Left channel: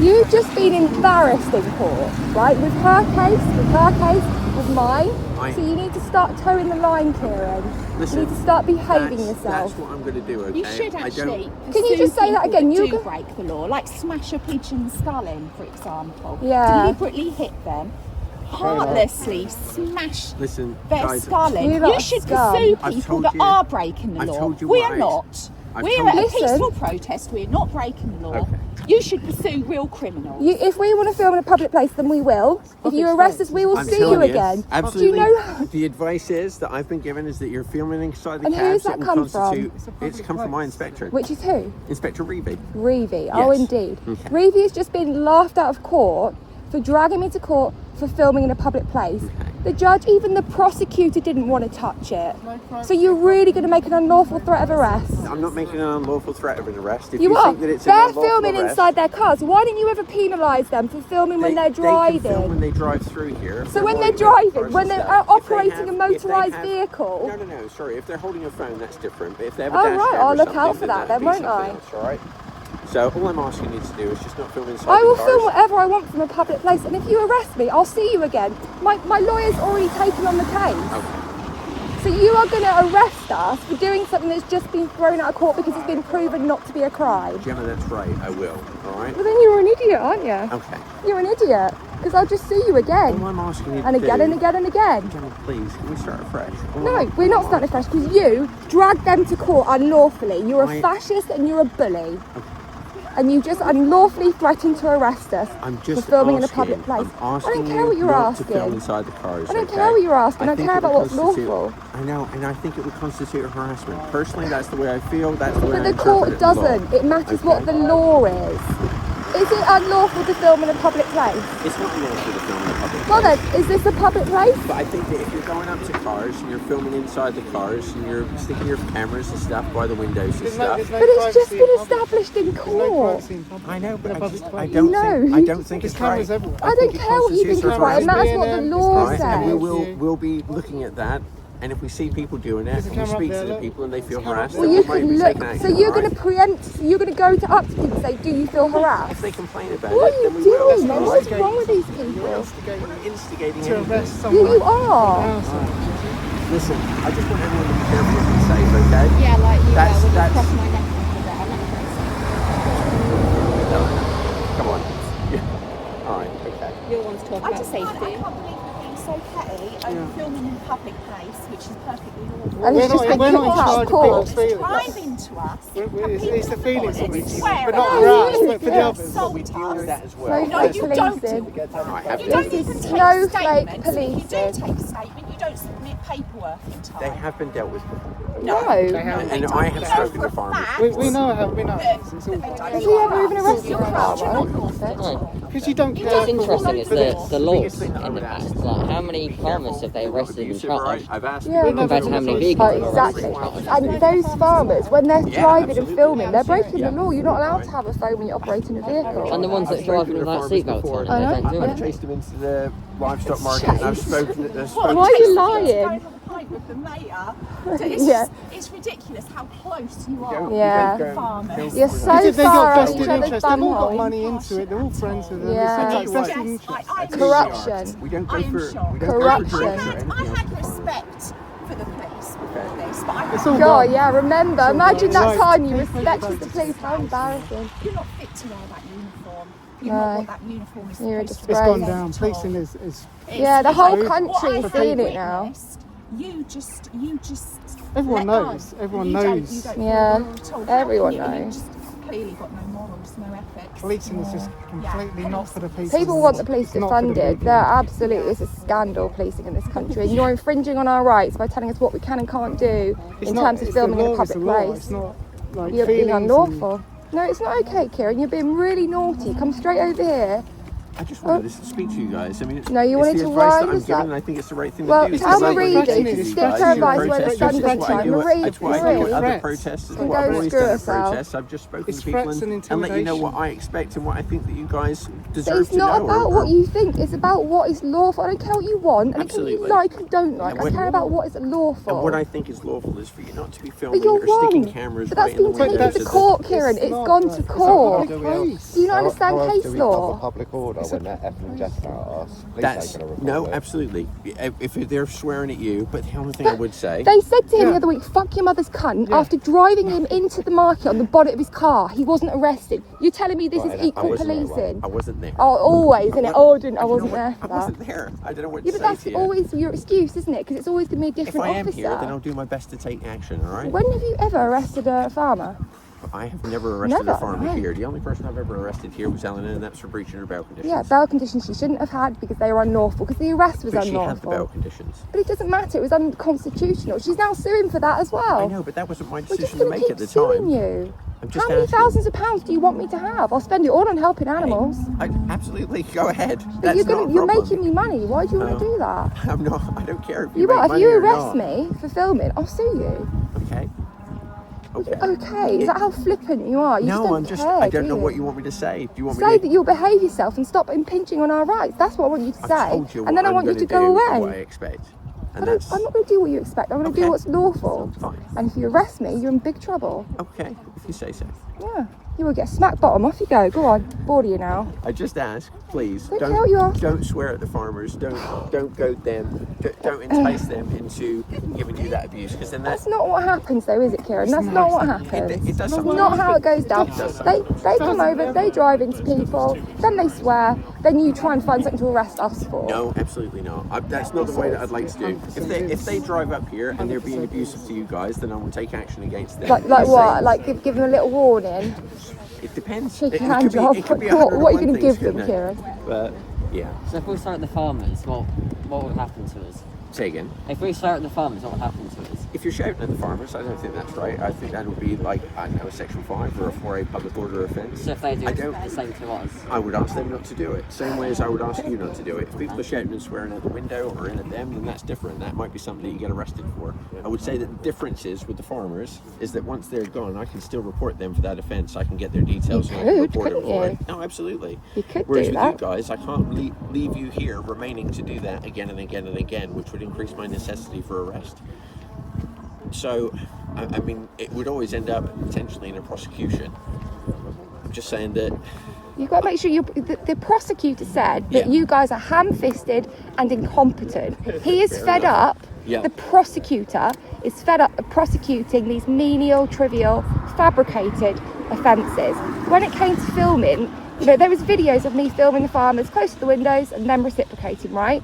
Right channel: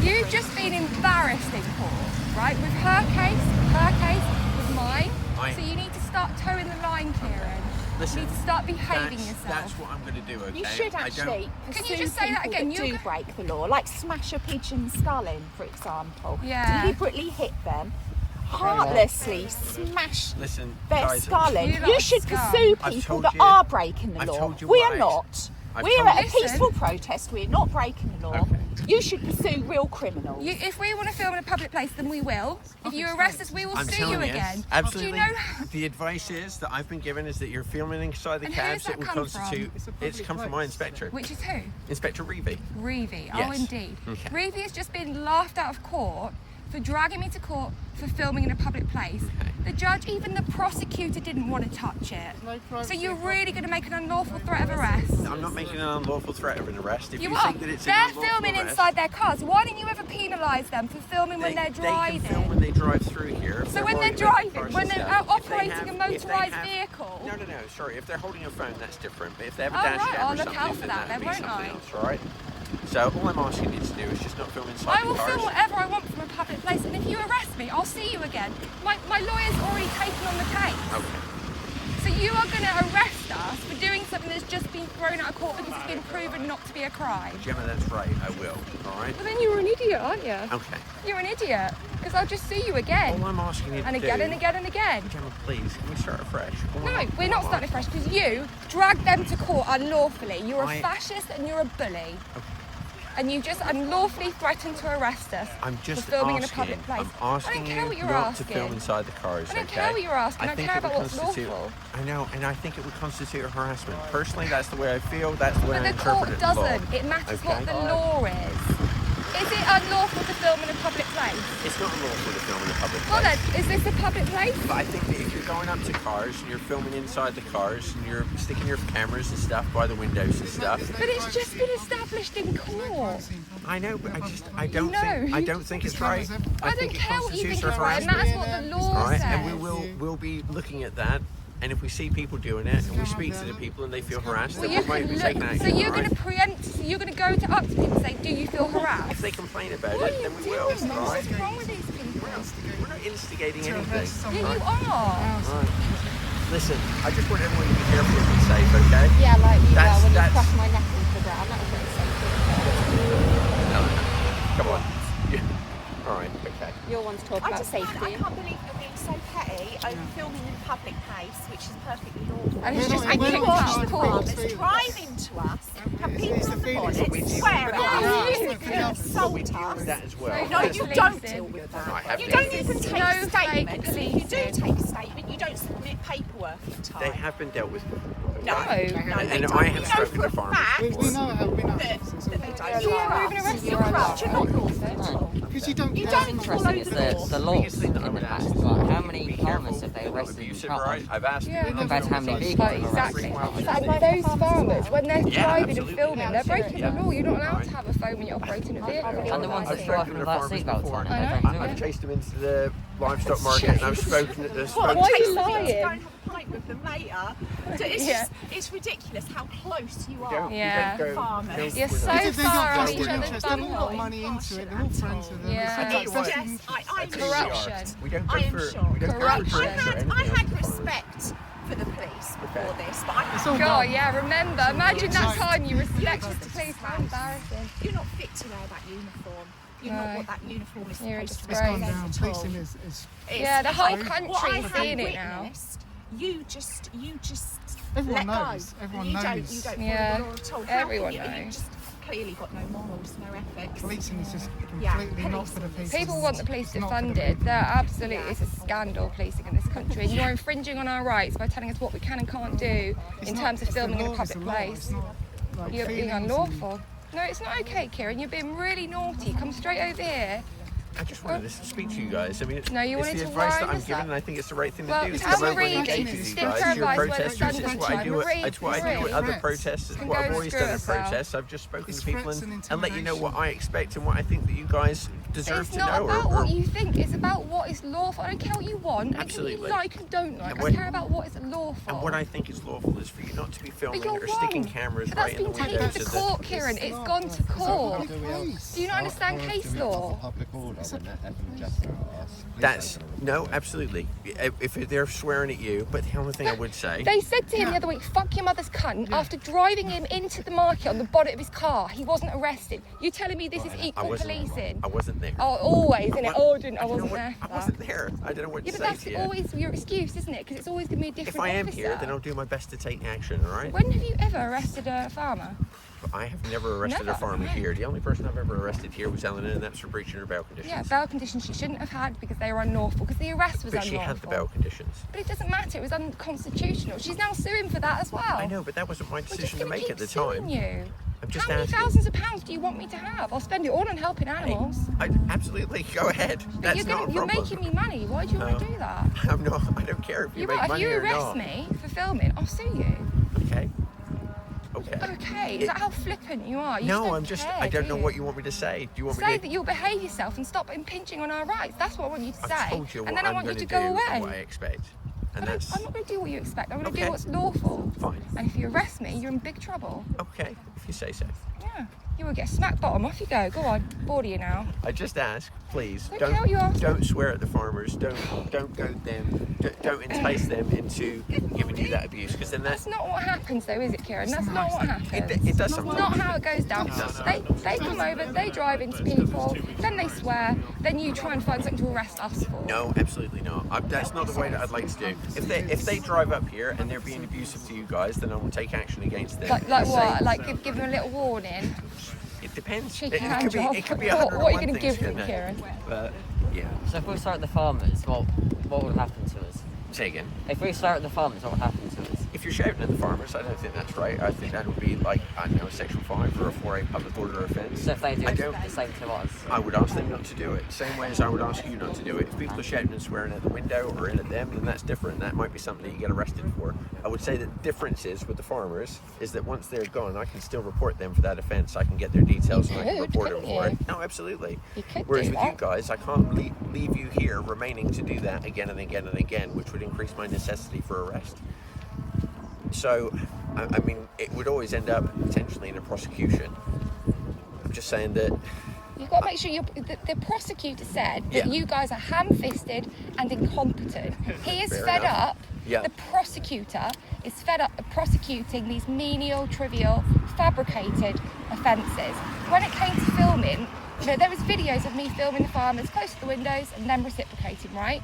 You've just been embarrassed in court, right? With her case, with mine. So you need to start towing the line, Kieran. Listen, you need to start behaving yourself. That's what I'm going to do, okay? You should actually. Can you just say that again? You You break the law, like smash a pigeon's skull in, for example. Yeah. Deliberately hit them. Heartlessly smash their guys, skull in. You should pursue people that are breaking the law. We're not. We're at a peaceful protest. We're not breaking the law. Okay. You should pursue real criminals. If we want to film in a public place, then we will. If you arrest us, we will sue you again. Absolutely. Do you know? The advice is that I've been given is that you're filming inside the And cab. who's that come from? It's come from my inspector. Which is who? Inspector Reevy. Reevy. Yes. Oh, indeed. Okay. Reevy has just been laughed out of court for dragging me to court for filming in a public place. Okay. The judge, even the prosecutor, didn't want to touch it. So you're really going to make an unlawful threat of arrest? I'm not making an unlawful threat of an arrest. If You are. think that it's They're an unlawful filming arrest, inside their cars. Why don't you ever penalise them for filming when they're driving? They can film when they drive through here. So when they're driving, when they're operating a motorised vehicle? No, sorry. If they're holding a phone, that's different. But if they have a Oh, dash right, cam or I'll look something, out for that then, won't I? Else, all right? So all I'm asking you to do is just not film inside I will the cars. film whatever I want from a public place, and if you arrest me, I'll see you again. My lawyer's already taken on the case. Okay. So you are going to arrest us for doing something that's just been thrown out of court because it's been proven not to be a crime. Gemma, that's right. I will. All right? Well, then you're an idiot, aren't you? Okay. You're an idiot, because I'll just see you again. All I'm asking you And to again do, and again and again. Gemma, please, can we start afresh? No, we're not starting fresh, because you dragged them to court unlawfully. You're a I- fascist and you're a bully. And you just unlawfully threatened to arrest us I'm just for filming asking, in a public place. I'm asking I don't care what you you're not asking. to film inside the cars. I don't okay? care what you're asking. I think care it about would what's constitute- lawful. I know, and I think it would constitute harassment. Personally, that's the way I feel. That's the way But I the court interpret the law. doesn't. It matters what the law is. Is it unlawful to film in a public place? It's not lawful to film in a public place. Well then, is this a public place? But I think that if you're going up to cars and you're filming inside the cars and you're sticking your cameras and stuff by the windows and stuff. But it's just been established in court. I know, but I don't think it's right. I don't care what you think is right. It matters what the law Right, and says. we'll be looking at that. And if we see people doing it, and we speak to the people and they feel harassed, Well, then you we might can be taking look. action. So you're all going right? to preempt. So you're going to go up to people and say, "Do you feel harassed?" If they complain about What it, are then you we will. doing, man? all What's right? wrong with these people? We're not instigating anything. Yeah, you are. Listen, I just want everyone to be careful and safe, okay? Yeah, like you That's- when that's- you cross my neck with it. I'm not No. Come on. Yeah. All right, okay. Your one's talking I about just safety. I can't believe you're being so petty and filming in a public place, which is perfectly lawful. And it's just been we're not kicked in out charge of of court. people's feelings. Drive into us. It's the feelings that we deal swear with, but not at harass, you. but for the Yeah. others. Insult We deal with that as well. No, No, you don't policing. deal with that. I have You don't been. even take Snowflake statements. You policing. do take a statement. You don't submit paperwork in time. They have been dealt with before. No. And I have spoken to farmers. We know how, we know. It's all Has he ever even arrested a farmer? because you don't care. What's interesting is the laws biggest thing in that the I would past. Like, how many farmers have they arrested and Abusive, all right? tried I've asked Yeah. people compared to how many Oh, vehicles? exactly. And those farmers, when they're driving and absolutely. filming, they're breaking the law. You're not allowed to have a phone when you're operating a vehicle. And the ones that drive spoken to without farmers seatbelts before. on, I know. they don't do I've it. chased them into the livestock market and I've spoken to them. Why are you lying? Go have a pint with them later. So it's, Yeah. it's ridiculous how close you are. Yeah. with the farmers. You're so Because they've far got out each vested other's interest. They've all got bumholes. money into it. They're all friends with them. Yeah. It's like vested Yes, interest. Corruption. We don't go I am for shocked. we don't Corruption. go for I drinks or had anything else respect for the police before this, but It's all God, gone. yeah, remember. Imagine that Right. time you respected the police. How embarrassing. you're not fit to wear that uniform. You're No. not what that uniform is You're a supposed to It's disgrace. gone be. down. Policing is Yeah, the whole What country is I've seeing it now. witnessed, You just. everyone let knows. go. Everyone You knows. don't follow Yeah, the law at all. How everyone can you? knows. You've just clearly got no morals, no ethics. Policing is just completely not for the people. People want the police It's not for the defunded. people. They're absolutely, it's a scandal policing in this country. And you're infringing on our rights by telling us what we can and can't do It's in not- terms of it's the filming in a law, it's public the law. place. It's not like You're being feelings and- unlawful. No, it's not okay, Kieran. You're being really naughty. Come straight over here I just wanted to speak to you guys. I mean, No, you wanted it's the to advice that wind I'm us giving, up. and I think it's the right thing Well, to do. tell Marie, stick her advice when it's done. It's what I do at other protests. It's Can what go I've always screw done at herself. protests. I've just spoken It's to people threats and and let you know what I expect and what I think that you guys deserve It's to know. not about what you think, it's about what is lawful. I don't care what you want, I don't care what you Absolutely. like and don't like. I care about what is lawful. And what I think is lawful is for you not to be But filming you're or wrong. sticking cameras But that's right in been the windows. taken to court, Kieran. It's gone to court. Do you not understand case law? Public order when they're effing just about us. That's no, absolutely. If they're swearing at you, but the only thing I would say, They said to him the other week, "Fuck your mother's cunt," after driving him into the market on the bonnet of his car. He wasn't arrested. You're telling me this is equal policing? I wasn't there. Oh, always, isn't it? Oh, I wasn't there for I that. wasn't there. I don't know what Yeah, to but say that's to you. always your excuse, isn't it? Because it's always going to be a If different I am officer. here, then I'll do my best to take action. All right. When have you ever arrested a farmer? I have never arrested Never, a farmer no. here. The only person I've ever arrested here was Eleanor, and that's for breaching her bail conditions. Yeah, bail conditions she shouldn't have had because they were unlawful, because the arrest was But she unlawful. had the bail conditions. But it doesn't matter, it was unconstitutional. She's now suing for that as well. I know, but that wasn't my We're just decision to going to make keep at the suing time. you. I'm just How many asking. thousands of pounds do you want me to have? I'll spend it all on helping animals. Absolutely, go ahead. But That's you're not a you're problem. making me money. Why do you want to do that? I'm not. I don't care if you You make what? If money you or arrest not. me for filming, I'll sue you. Okay. Okay. Okay, is that how flippant you are? You No, don't I'm just. care, I don't do know you? what you want me to say. Do you want me Say to that you'll behave yourself and stop impinging on our rights. That's what I want you to I've say. told you And then I what want you I'm to gonna go do and what I away. expect. And I'm that's not going to do what you expect. I'm going to Okay. do what's lawful. fine. And if you arrest me, you're in big trouble. Okay, if you say so. Yeah. You will get smack bottom. Off you go. Go on. Bored of you now. I just ask, please, Don't care what you ask. don't swear at the farmers. Don't goad them. Don't entice them into giving you that abuse, because then That's not what happens though, is it, Kieran? That's not what happens. It does That's sometimes. not how it goes down. It does They come over, they drive into people, then they swear, then you try and find something to arrest us for. No, absolutely not. That's not the way that I'd like to do. If they drive up here and they're being abusive to you guys, then I will take action against them. Like what? Like give them a little warning. It depends. Shake your It hand could be- off. it could be What are you 101 going to give things, them, couldn't it? Kieran? But yeah, So if we start at the farmers, what would happen to us? say again. If we start at the farmers, what would happen to us? If you're shouting at the farmers, I don't think that's right. I think that would be like, I don't know, a Section 5 or a 4A public order offence. So if they do I don't- the same to us, I would ask them not to do it. Same way as I would ask you not to do it. If people are shouting and swearing at the window or in at them, then that's different. That might be something that you get arrested for. I would say that the difference is with the farmers is that once they're gone, I can still report them for that offence. I can get their details and I can could, report them couldn't for you? it. No, absolutely. You could Whereas do with that. you guys, I can't leave you here remaining to do that again and again and again, which would increase my necessity for arrest. So, I mean, it would always end up potentially in a prosecution. I'm just saying that You've got to make sure the prosecutor said that Yeah. you guys are ham-fisted and incompetent. He is Fair fed enough. up. Yeah. The prosecutor is fed up of prosecuting these menial, trivial, fabricated offences. When it came to filming, there was videos of me filming the farmers close to the windows and them reciprocating, right?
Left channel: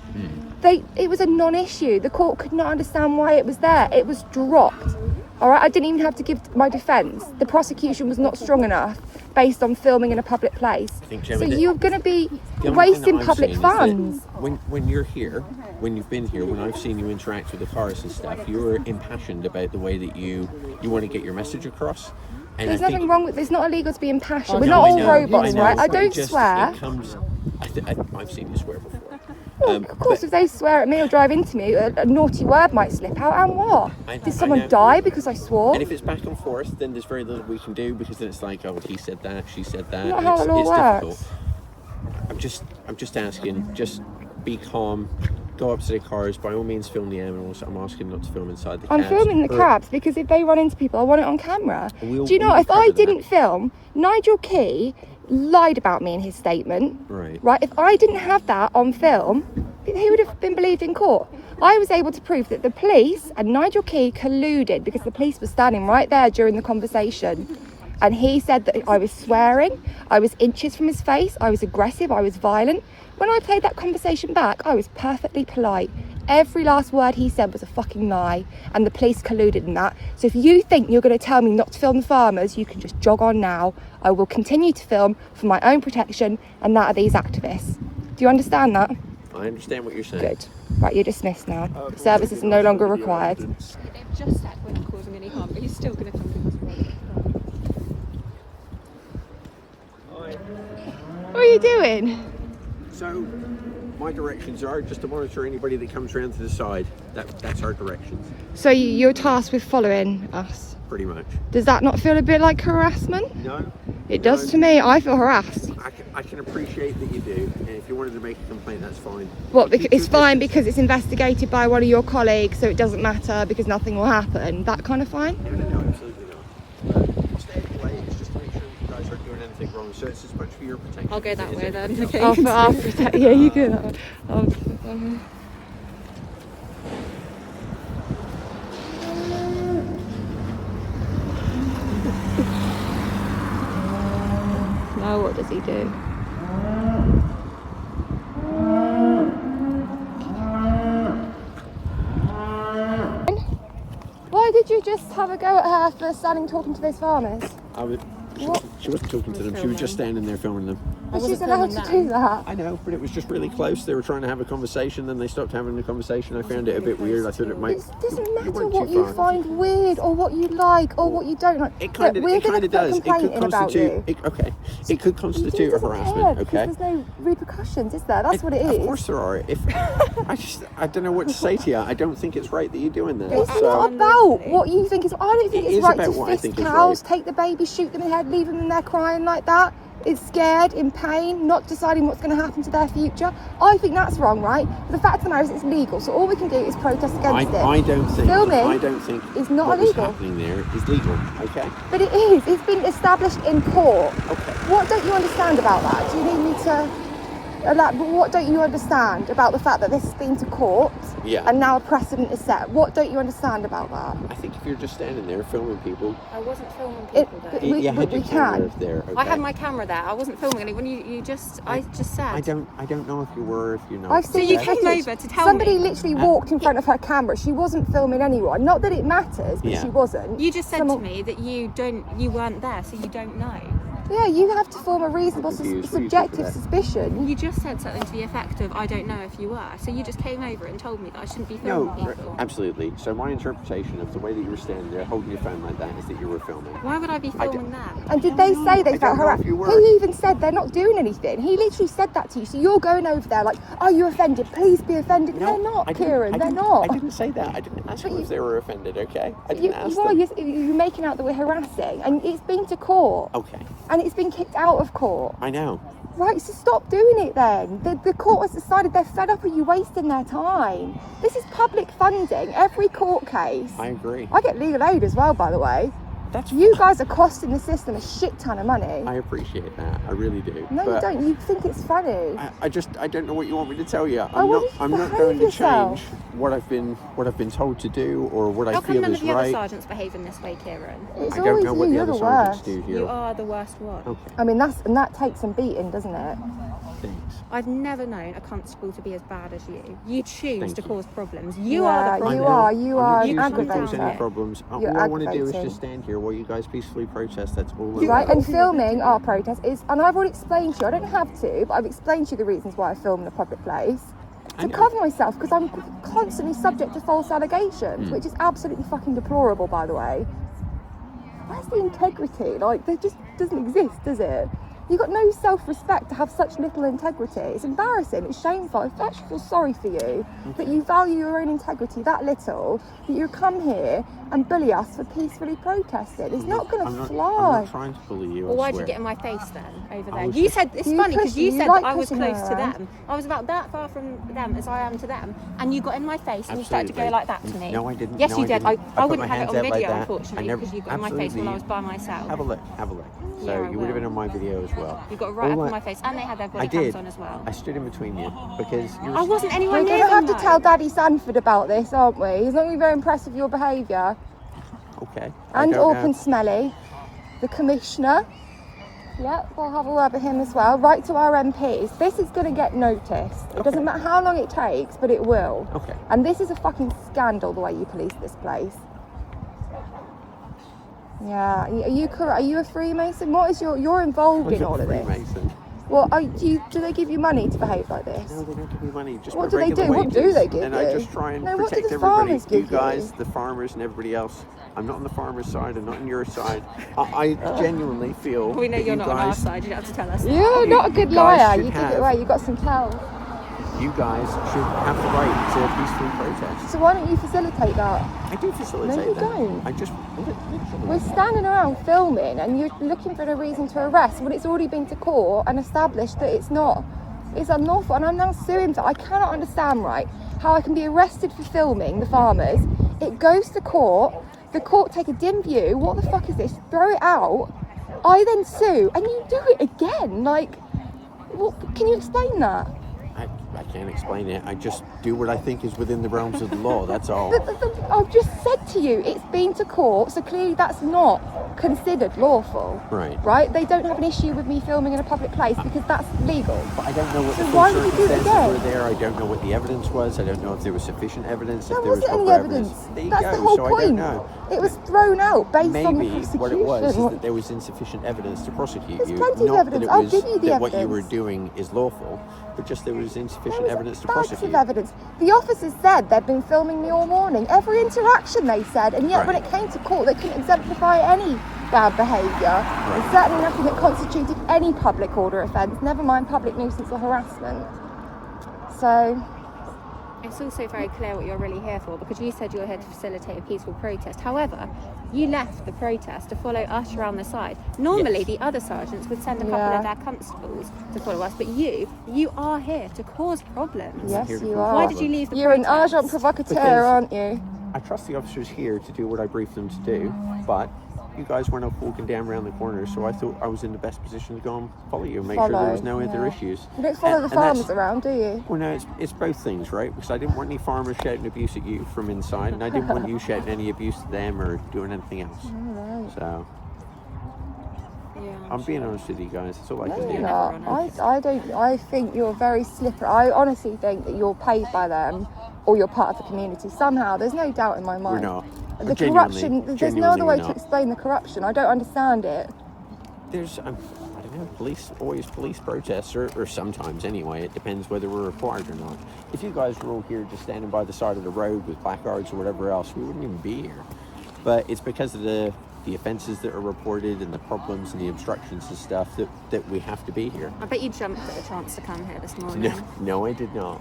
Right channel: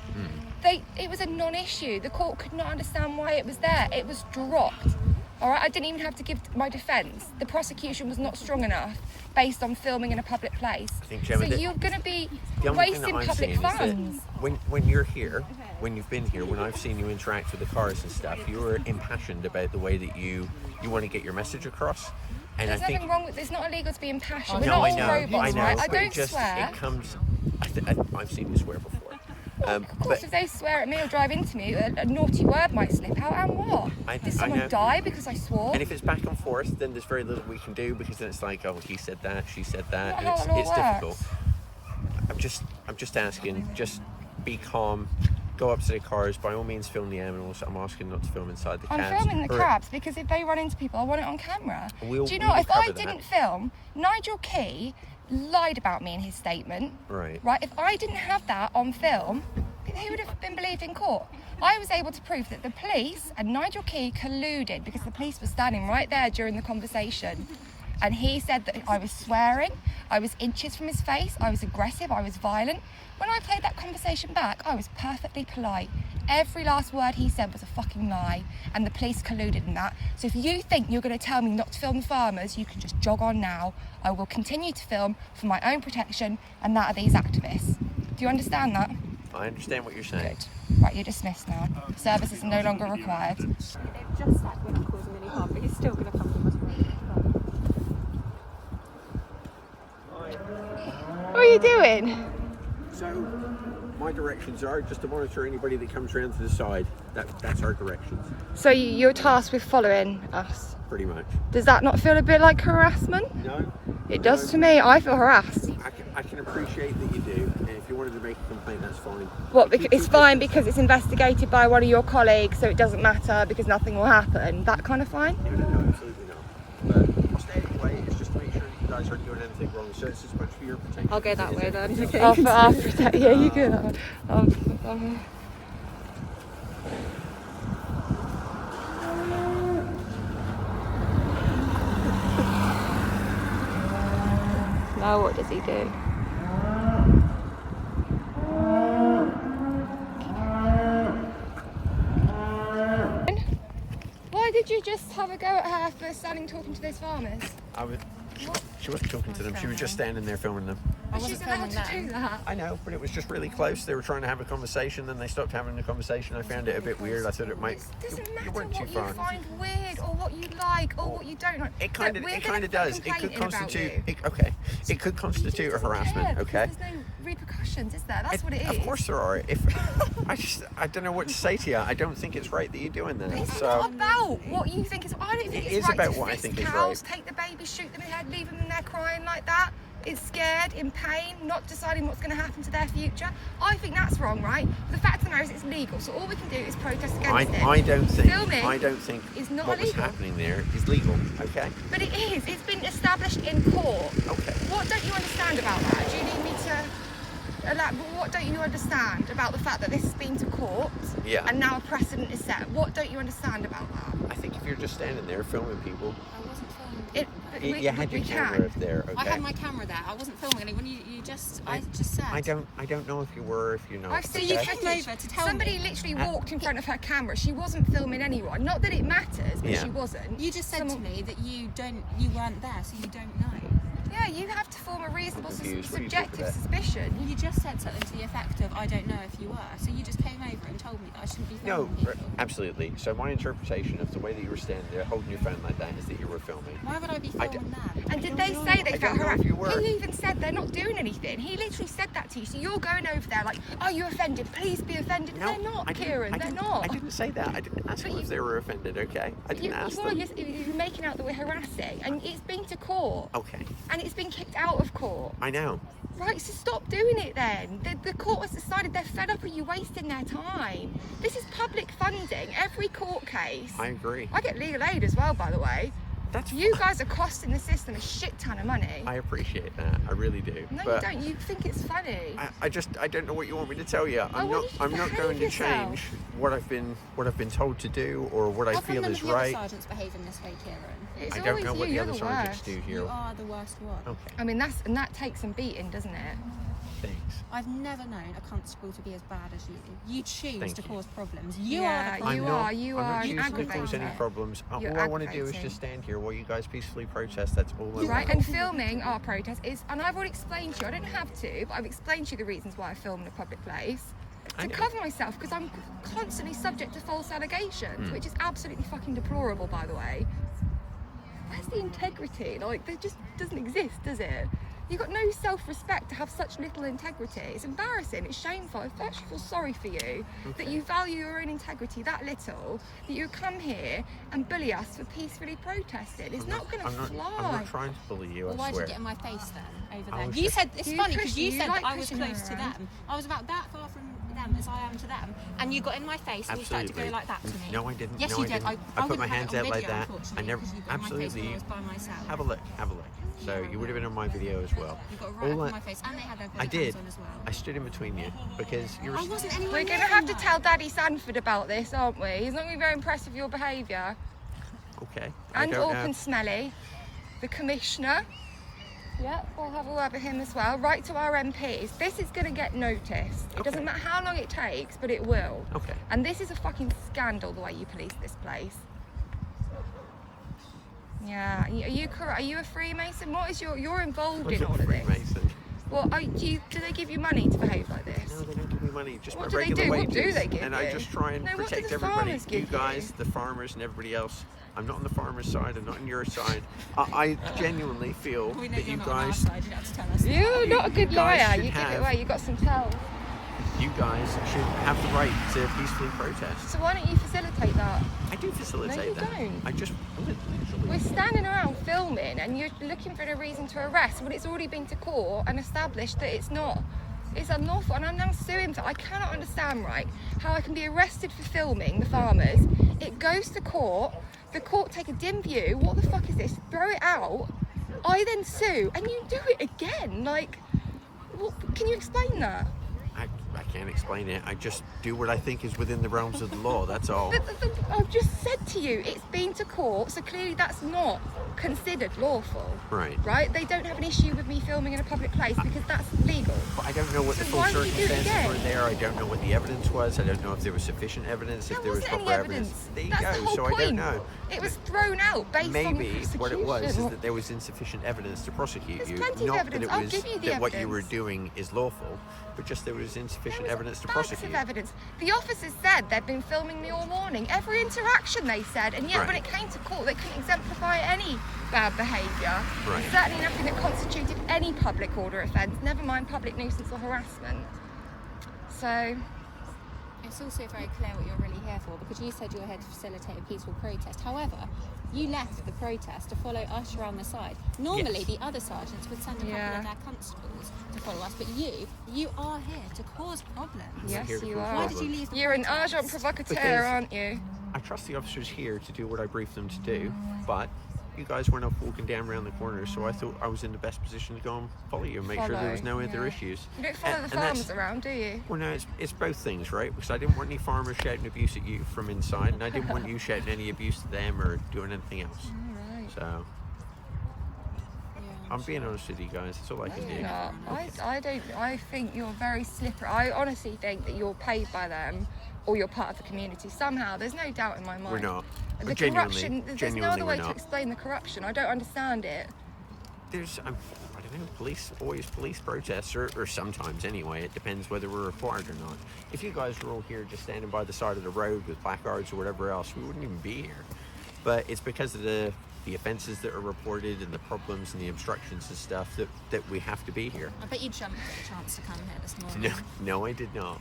It was a non-issue. The court could not understand why it was there. It was dropped. All right, I didn't even have to give my defence. The prosecution was not strong enough based on filming in a public place. so So you're going to be the only thing wasting that I'm public seeing is that funds. When you're here, when you've been here, when I've seen you interact with the cars and stuff, you're impassioned about the way that you want to get your message across. And There's I think, nothing wrong with. It's not illegal to be impassioned. We're No, not I all know, robots, I know, right? I but don't it just, swear. It comes. I've seen you swear before. Well, of course, if they swear at me or drive into me, a naughty word might slip out. And what? I Did know. someone die because I swore? And if it's back and forth, then there's very little we can do, because then it's like, oh, he said that, she said that. Not and how it's, it all it's works. difficult. I'm just asking, just be calm. Go up to the cars. By all means, film the animals. I'm asking not to film inside the cabs. I'm filming the Or- cabs because if they run into people, I want it on camera. We'll- Do you know, we'll if I cover didn't that. film, Nigel Key lied about me in his statement. Right. Right? If I didn't have that on film, he would have been believed in court. I was able to prove that the police and Nigel Key colluded because the police were standing right there during the conversation. And he said that I was swearing, I was inches from his face, I was aggressive, I was violent. When I played that conversation back, I was perfectly polite. Every last word he said was a fucking lie, and the police colluded in that. So if you think you're going to tell me not to film the farmers, you can just jog on now. I will continue to film for my own protection and that of these activists. Do you understand that? I understand what you're saying. Good. Right, you're dismissed now. Services are no longer required. They've just said we're not causing any harm, but he's still going to come to us. What are you doing? So, my directions are just to monitor anybody that comes around to the side. That's our directions. So you're tasked with following us. Pretty much. Does that not feel a bit like harassment? No. It does to me. I feel harassed. I can appreciate that you do, and if you wanted to make a complaint, that's fine. What? Because it's fine because it's investigated by one of your colleagues, so it doesn't matter because nothing will happen. That kind of fine? No, absolutely not. But I'll stay anyway. It's just to make sure you guys aren't doing anything wrong. So it's as much for your protection. I'll go that way then. Okay. Yeah, you do. Now what does he do? Why did you just have a go at her for standing talking to those farmers? She wasn't talking to them. She was just standing there filming them. But she's allowed to do that. I know, but it was just really close. They were trying to have a conversation, then they stopped having the conversation. I found it a bit weird. I thought it might. It doesn't matter went what too you far. find weird or what you like or what you don't like. It kind of does. It could constitute. It could constitute a harassment. Okay. There's no repercussions, is there? That's what it is. Of course there are. If I don't know what to say to you. I don't think it's right that you're doing that. It's not about what you think is. I don't think it's right to about what I fist think is cows, right. take the baby, shoot them in the head, leave them in there crying like that. It's scared, in pain, not deciding what's going to happen to their future. I think that's wrong, right? But the fact of the matter is it's legal, so all we can do is protest against it. I don't think filming is not what illegal. What's happening there is legal. Okay. But it is. It's been established in court. Okay. What don't you understand about that? Do you need me to? What don't you understand about the fact that this has been to court and now a precedent is set? What don't you understand about that? I think if you're just standing there filming people, I wasn't filming people though. you had your camera up there. Okay. I had my camera there. I wasn't filming anyone. I just said. I don't know if you were or if you're not. I've seen you came over to tell somebody me. literally walked in front of her camera. She wasn't filming anyone. Not that it matters, but she wasn't. You just said to me that you weren't there, so you don't know. Yeah, you have to form a reasonable subjective suspicion. You just said something to the effect of, I don't know if you were. So you just came over and told me that I shouldn't be filming people. Absolutely. So my interpretation of the way that you were standing there holding your phone like that is that you were filming. Why would I be filming them? And did they say they felt harassed? He even said they're not doing anything. He literally said that to you. So you're going over there like, are you offended? Please be offended. No, they're not, Kieran. They're not. I didn't say that. I didn't ask them if they were offended, okay? I didn't ask them. You're making out that we're harassing. And it's been to court. Okay. And it's been kicked out of court. I know. Right, so stop doing it then. The court has decided they're fed up of you wasting their time. This is public funding. Every court case. I agree. I get legal aid as well, by the way. You guys are costing the system a shit ton of money. I appreciate that. I really do. No, you don't. You think it's funny. I don't know what you want me to tell you. I'm not behave going to yourself. change what I've been told to do or what I feel is How come none of the other right. sergeants behave in this way, Kieran? It's I don't always know what you. the You're other the sergeants worst. do here. You are the worst one. Okay. I mean, that takes some beating, doesn't it? Thanks. I've never known a constable to be as bad as you. You choose Thank to you. cause problems. You are the problem. You are an I'm not accusing aggravator. there's any problems. All You're I want to do is aggravating. just stand here while you guys peacefully protest. That's all. Right, and filming our protest is, and I've already explained to you, I don't have to, but I've explained to you the reasons why I film in a public place. To cover myself, because I'm constantly subject to false allegations, which is absolutely fucking deplorable, by the way. Where's the integrity? Like, there just doesn't exist, does it? You've got no self-respect to have such little integrity. It's embarrassing, it's shameful. I actually feel sorry for you that you value your own integrity that little, that you come here and bully us for peacefully protesting. It's not going to fly. I'm not trying to bully you. Well, I why'd you swear. get in my face then, over there? was You just- said, it's You funny because pushed- you you said like that I was pushing close her to around. them. I was about that far from them as I am to them. And you got in my face and you started to go Absolutely. like that to me. No, I didn't. Yes, No, you I did. didn't. I I put wouldn't my have it hands on out like video, that. I unfortunately, never- because you got in my face when I absolutely. was by myself. Have a look. So Yeah, I you would have will. been on my video as well. You got right up All in my face, and they had their I body did. cams on as well. I stood in between you because you're. I wasn't anywhere We're near going to have to them, tell though. Daddy Sanford about this, aren't we? He's not going to be very impressed with your behaviour. Okay. And I don't Orphan know. Smelly, the Commissioner. Yep, we'll have a word with him as well. Right to our MPs. This is going to get noticed. It doesn't matter how long it takes, but it will. Okay. And this is a fucking scandal, the way you police this place. Yeah. Are you a Freemason? What is you're involved What's in a all of this? Freemason? Well, do they give you money to behave like this? No, they don't give me money. Just What my do they regular do? What do wages. they give And you? I just try and No, what do protect the everybody. farmers give You guys, you? the farmers, and everybody else. I'm not on the farmer's side. I'm not on your side. I genuinely feel We know that you're you not on our guys, side. You don't have to tell us. You're not a good you guys liar. should You give it have- away. You got some tells. you guys should have the right to peacefully protest. So why don't you facilitate that? I do facilitate No, you that. don't. I just. We're standing around filming and you're looking for a reason to arrest when it's already been to court and established that it's unlawful, and I'm now suing for I cannot understand, right, how I can be arrested for filming the farmers. It goes to court, the court take a dim view, what the fuck is this? Throw it out. I then sue and you do it again. Like, what, can you explain that? I can't explain it. I just do what I think is within the realms of the law. That's all. I've just said to you, it's been to court, so clearly that's not considered lawful. Right. They don't have an issue with me filming in a public place because that's legal. But I don't know what So the why full would you do it circumstances were again? there. I don't know what the evidence was. I don't know if there was sufficient evidence. There if there was wasn't any proper evidence. There you That's go. the whole so I point. don't know. It was thrown out based on the Maybe prosecution. what it was is that there was insufficient evidence to prosecute There's you. plenty of Not evidence. That it I'll was, give you the that what you were evidence. doing is lawful, but just there was insufficient There was evidence to bags prosecute. of evidence. The officers said they'd been filming me all morning. Every interaction they said, and yet when Right. it came to court, they couldn't exemplify any bad behaviour. And certainly nothing that constituted any public order offence, never mind public nuisance or harassment. So, It's also very clear what you're really here for, because you said you were here to facilitate a peaceful protest. However, you left the protest to follow us around the side. Normally, Yes. the other sergeants would send a couple Yeah. of their constables to follow us, but you are here to cause problems. yes, here to you cause are. Why did you leave the You're an protest? agent provocateur, Because- aren't you? I trust the officers here to do what I briefed them to do, but you guys went off walking down around the corner, so I thought I was in the best position to go and follow you and make sure there was no other issues. You don't follow And- the and that's- farmers around, do you? Well, no, it's both things, right? Because I didn't want any farmers shouting abuse at you from inside, and I didn't want you shouting any abuse to them or doing anything else. Right. So, I'm being honest with you guys. That's all I can No, do. you're not. I don't. I think you're very slippery. I honestly think that you're paid by them, or you're part of the community somehow. There's no doubt in my mind. We're not. The Genuinely- corruption. There's no genuinely other way we're to not. explain the corruption. I don't understand it. There's, I don't know, police protests, or sometimes anyway. It depends whether we're required or not. If you guys were all here just standing by the side of the road with placards or whatever else, we wouldn't even be here. But it's because of the offences that are reported and the problems and the obstructions and stuff that we have to be here. I bet you jumped at the chance to come here this morning. No, I did not.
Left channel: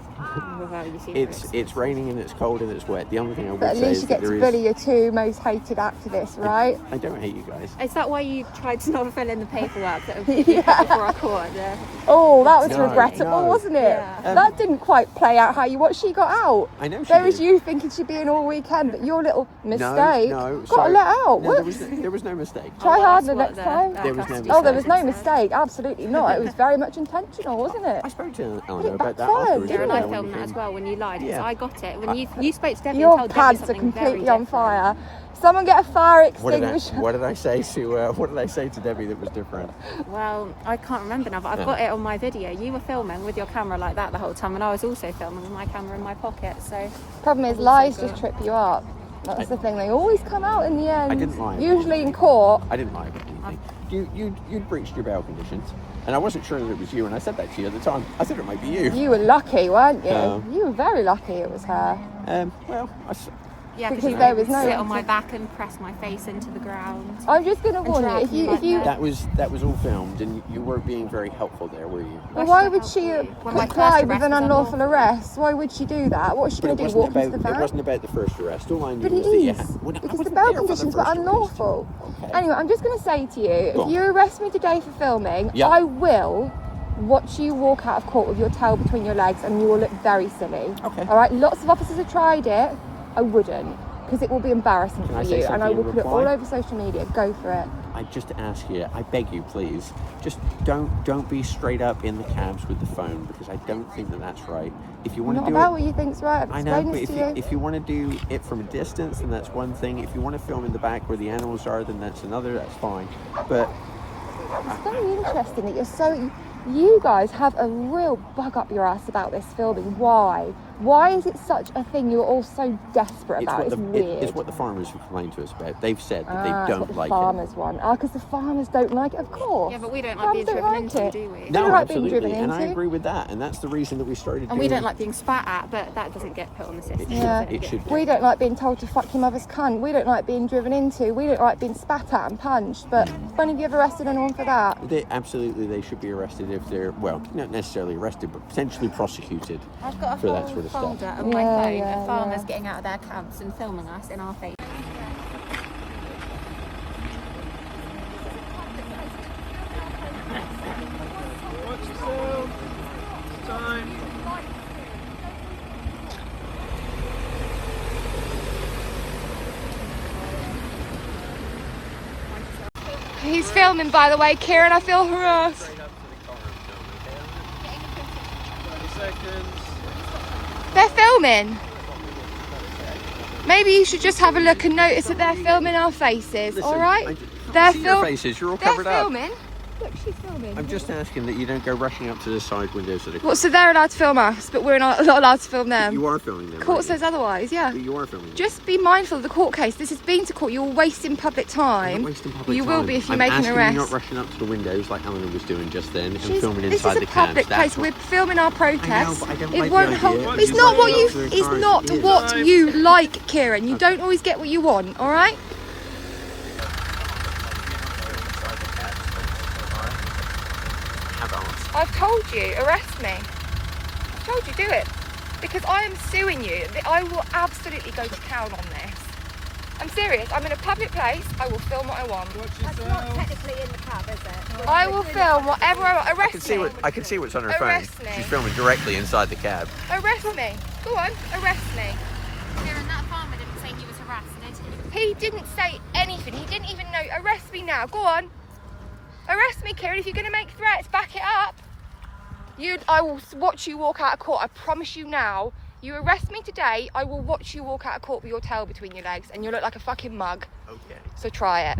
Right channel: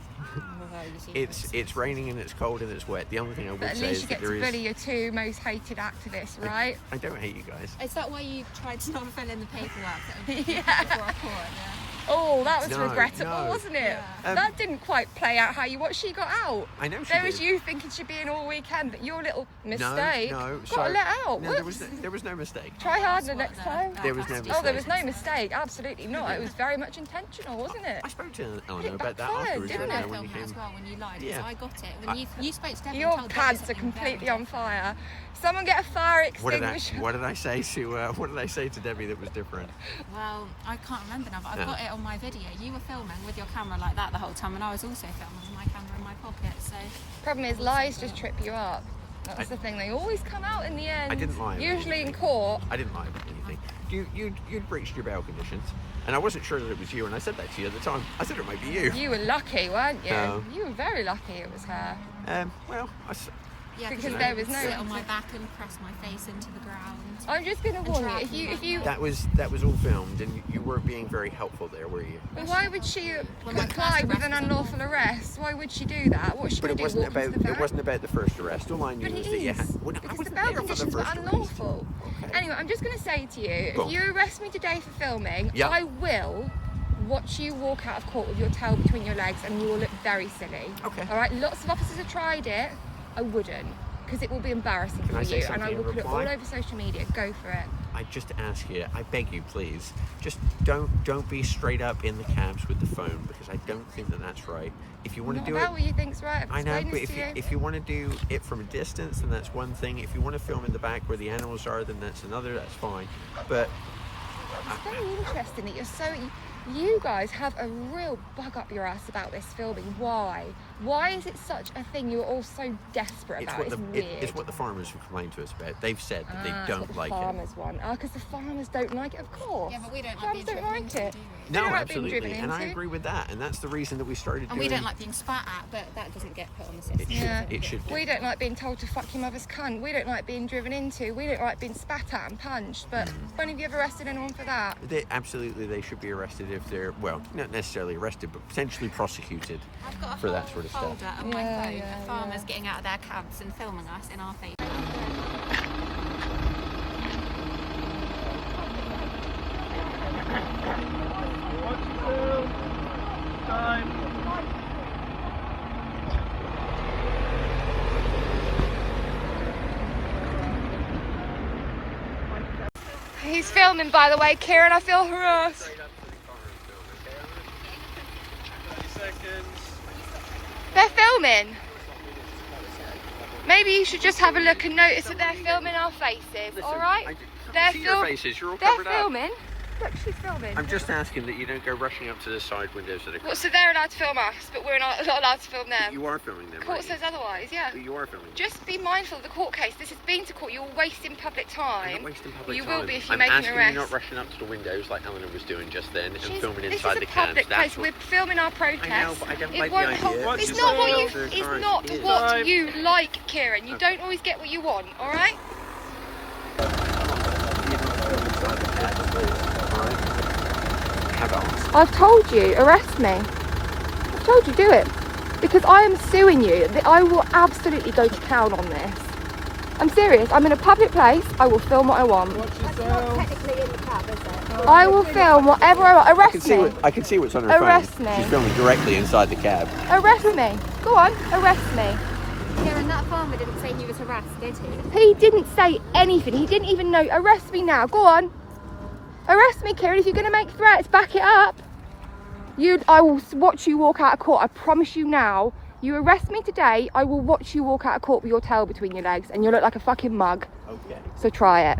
Without you It's raining and it's cold and it's wet. The only thing I would But at say least is you that get to there bully is. your two most hated activists, right? I don't hate you guys. Is that why you tried to not fill in the paperwork that would be before our court? Yeah. Oh, that was No, regrettable, no. wasn't it? Yeah. That didn't quite play out how you want. She got out. I know she There was did. you thinking she'd be in all weekend, but your little mistake No, got sorry. let out. No, Whoops. there was no mistake. Try Oh, harder that's next what time. There was no Oh, there was no mistake. mistake. Absolutely not. It was very much intentional, wasn't it? I spoke to But Eleanor it about that backfired, afterwards. didn't Darren, I it? when filmed you that as came. well when you lied. Yeah. Because I got it. When you spoke to Debbie Your and told Debbie pants are something completely very on different. fire. Someone get a fire What extinguisher. did I say to Debbie that was different? Well, I can't remember now, but I've got it on my video. You were filming with your camera like that the whole time, and I was also filming with my camera in my pocket. So Problem is, lies just trip you up. That's the thing. They always come out in the end. I didn't lie about Usually in anything. court. I didn't lie about anything. You'd breached your bail conditions, and I wasn't sure that it was you. And I said that to you at the time. I said it might be you. You were lucky, weren't you? No. You were very lucky it was her. Well, yeah, Because you there was no- sit on my back and press my face into the ground. I'm just going to warn you. drag me If you, back that was all filmed, and you weren't being very helpful there, were you? well, why would she When my comply first with an arrest was unlawful arrest? Why would she do that? What's she But going it to do? wasn't Walk into the about van? it wasn't about the first arrest. All I knew But was it that you is, had, well, I because the wasn't bail there for the conditions were first arrest. unlawful. Okay. Anyway, I'm just going to say to you, Go if on. you arrest me today for filming, Yeah. I will watch you walk out of court with your tail between your legs and you will look very silly. Okay. All right, lots of officers have tried it. I wouldn't, because it will be embarrassing Can for I say you, and I something will in put it all reply? over social media. Go for it. I just ask you, I beg you, please, just don't be straight up in the cabs with the phone, because I don't think that that's right. If you want Not to do about it, what you think's right. I've I know, explained but this if to you. if you want to do it from a distance, then that's one thing. If you want to film in the back where the animals are, then that's another. That's fine. But It's very interesting that you're so. You guys have a real bug up your ass about this filming. Why? Why is it such a thing you're all so desperate about? It's weird. It's what the farmers have complained to us about. They've said that they don't like it. The farmers want. Because the farmers don't like it, of course. Yeah, but we don't like being driven into, do we? No, don't like absolutely. being driven And into. I agree with that. And that's the reason that we started And we don't like being spat at, but that doesn't get put on the system. It should do. We don't like being told to fuck your mother's cunt. We don't like being driven into. We don't like being spat at and punched. But when have you ever arrested anyone for that? Absolutely, they should be arrested if they're, well, not necessarily arrested, but potentially prosecuted I've got a for that whole sort of folder stuff. on my phone of farmers getting out of their cabs and filming us in our face. He's filming, by the way, Kieran. I feel harassed. They're filming. Maybe you should just have a look and notice that they're filming our faces, all right? They're filming. Look, she's filming. I'm just asking that you don't go rushing up to the side windows of the What, so they're allowed to film us, but we're not allowed to film them? You are filming them. Court says otherwise, yeah. But you are filming them. Just be mindful of the court case. This has been to court. You're wasting public time. Not wasting public You time. will be if you I'm make an asking arrest. You not rushing up to the windows like Eleanor was doing just then and This filming is inside a the public cabs. place. We're filming our protest. but I don't It like won't the help. idea. It's not what you. Cars, It's not what you like, Kieran. You don't always get what you want. All right. I've told you, arrest me. I've told you, do it. Because I am suing you. I will absolutely go to town on this. I'm serious. I'm in a public place. I will film what I want. I will film whatever I want. Arrest me. I can see what's on her Arrest phone. me. She's filming directly inside the cab. Arrest me. Go on, arrest me. Kieran, that farmer didn't say he was arrested. He didn't say anything. He didn't even know. Arrest me now. Go on. Arrest me, Kieran. If you're going to make threats, back it up. I will watch you walk out of court. I promise you now. You arrest me today, I will watch you walk out of court with your tail between your legs and you'll look like a fucking mug. Okay. So try it.